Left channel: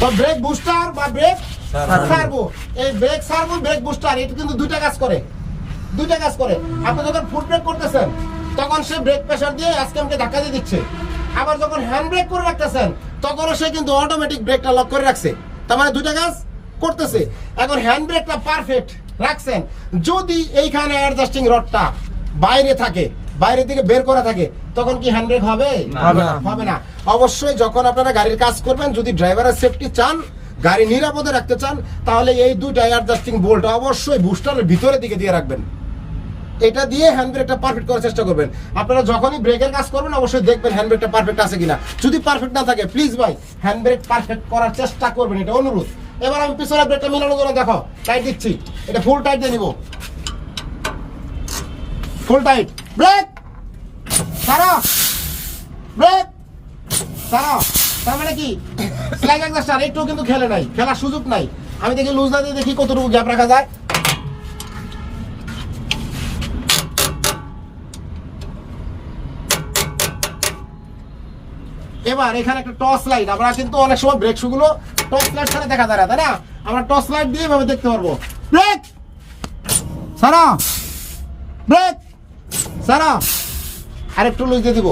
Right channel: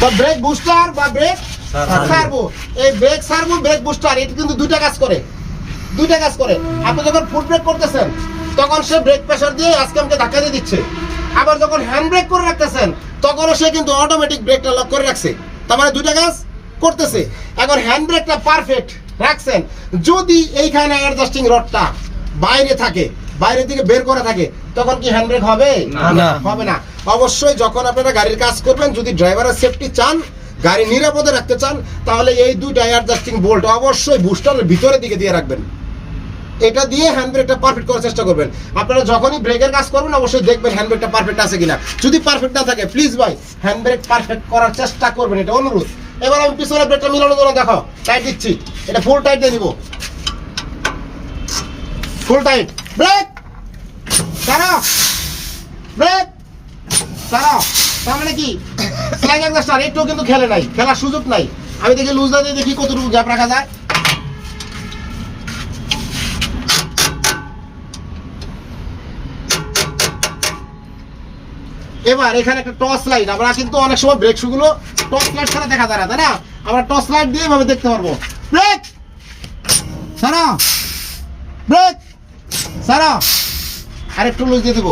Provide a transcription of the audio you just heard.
তো brake booster বা brake servo এই ব্রেক সার্ভো ব্রেক বুস্টার এটা কিন্তু দুইটা কাজ করে। দুইটা কাজ করে। আপনি যখন ফুট ব্রেক করতেছেন তখন সে ব্রেক প্রেশার দিয়ে আজকে আমাকে ধাক্কা দিয়ে দিচ্ছে। আবার যখন হ্যান্ড ব্রেক করে রাখতেছেন তখনও সে কিন্তু অটোমেটিক ব্রেকটা লক করে রাখছে। তার মানে দুইটা কাজ করতেছে। এখন হ্যান্ড ব্রেকটা পারফেক্ট রাখছেন। যদি এইখানে অ্যাডজাস্টিং রডটা বাইরে থাকে বাইরে থেকে বের করা থাকে তখন কি হ্যান্ডব্রেক হবে? না। হবে না। অবশ্যই যখন আপনারা গাড়ির কাজ করবেন যদি ড্রাইভারের সেফটি চান গাড়ি নিরাপদে রাখতে চান তাহলে এই দুইটা অ্যাডজাস্টিং বোল্ট অবশ্যই বুস্টারের ভিতরের দিকে দিয়ে রাখবেন। এটা দিয়ে হ্যান্ড ব্রেকটা পারফেক্ট করার চেষ্টা করবেন। আপনারা যখনই ব্রেকের কাজ করবেন অবশ্যই দেখবেন হ্যান্ড ব্রেকটা পারফেক্ট আছে কিনা। যদি পারফেক্ট না থাকে প্লিজ ভাই হ্যান্ড ব্রেক পারফেক্ট করার চেষ্টা করবেন এটা অনুরোধ। এবার আমি পিছনের ব্রেকটা মিলানোর জন্য দেখো টাইট দিচ্ছি। এটা ফুল টাইট দিয়ে নিব। ফুল টাইট ব্রেক মানে আমি দেখি লুজ দিয়ে দেখি কতটুকু গ্যাপ রাখা যায়। এবার এখানে একটা টর্চ লাইট আমরা কিন্তু অনেক সময় ব্রেক শুগুলো টর্চ লাইট ছাড়া দেখা যায় না, তাই না? আমরা টর্চ লাইট দিয়ে এভাবে দেখতে পারব। ব্রেক সারা ব্রেক সারা আরেকটু দিয়ে দিব।